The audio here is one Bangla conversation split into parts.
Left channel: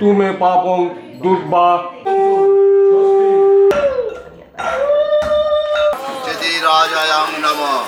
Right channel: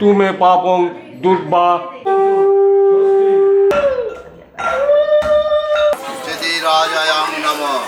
তুমে পাপং দুর্বা। রাজায়াং নমঃ।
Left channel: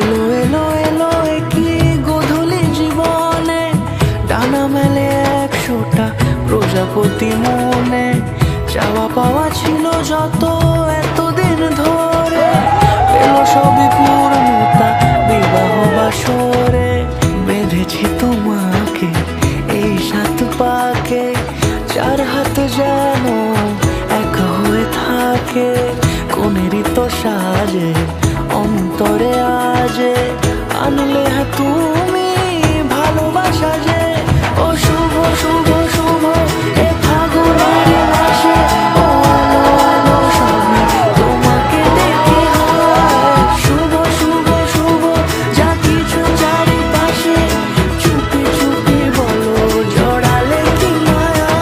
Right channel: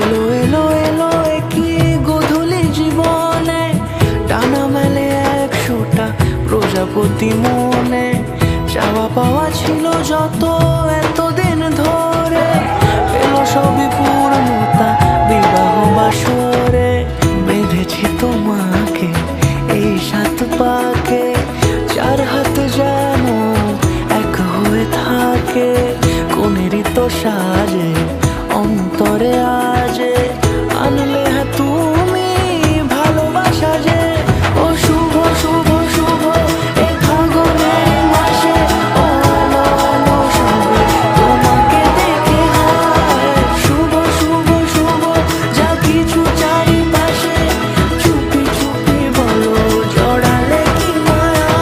এলো এলো এলো কি গোধূলি জীবনে, ডানা মেলে 100টা প্রজাপতি মনে। চাওয়া পাওয়া ছিল যত এতদিন ধরে, পেলো সবই পূর্ণতা বিবাহ বাসরে। বেঁধেছি তোমাকে এই 7 পাকে, 4 হাত যেন এক হয়ে থাকে। কোনেরই তো সাজে অন্তরে আজে, আনলে হ্যাঁ তুমি ভালোবাসা যে। ও শুভ শুভ শুভ এ ফাগুনের মাসে, ও আলো আলো সবই তোমাকে দেখে হয়। শুভ শুভ শুভ যা কিছু চারিপাশে, চুপি চুপি বলো জড়ালে কি মায়া।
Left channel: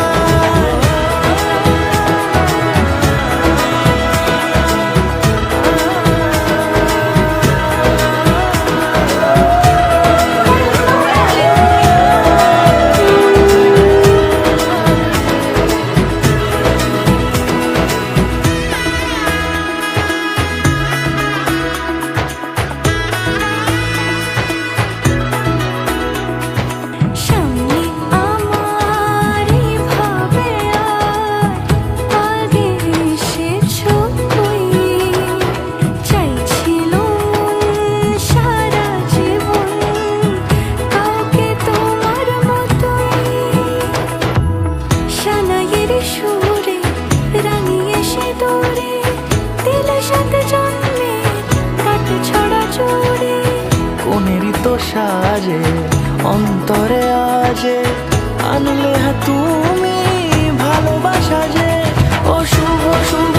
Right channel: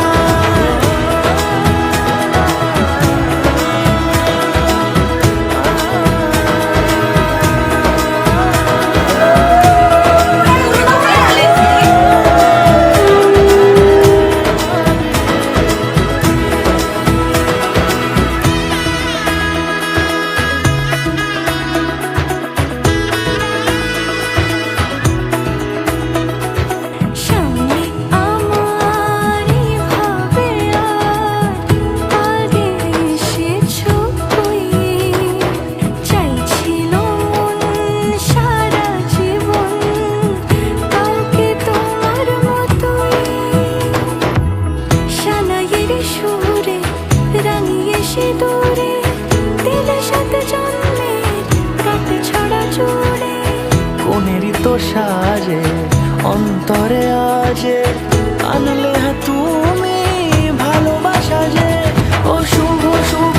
কোনেরই তো সাজে অন্তরে আজে, আনলে হ্যাঁ তুমি ভালোবাসা যে। ও শুভ শুভ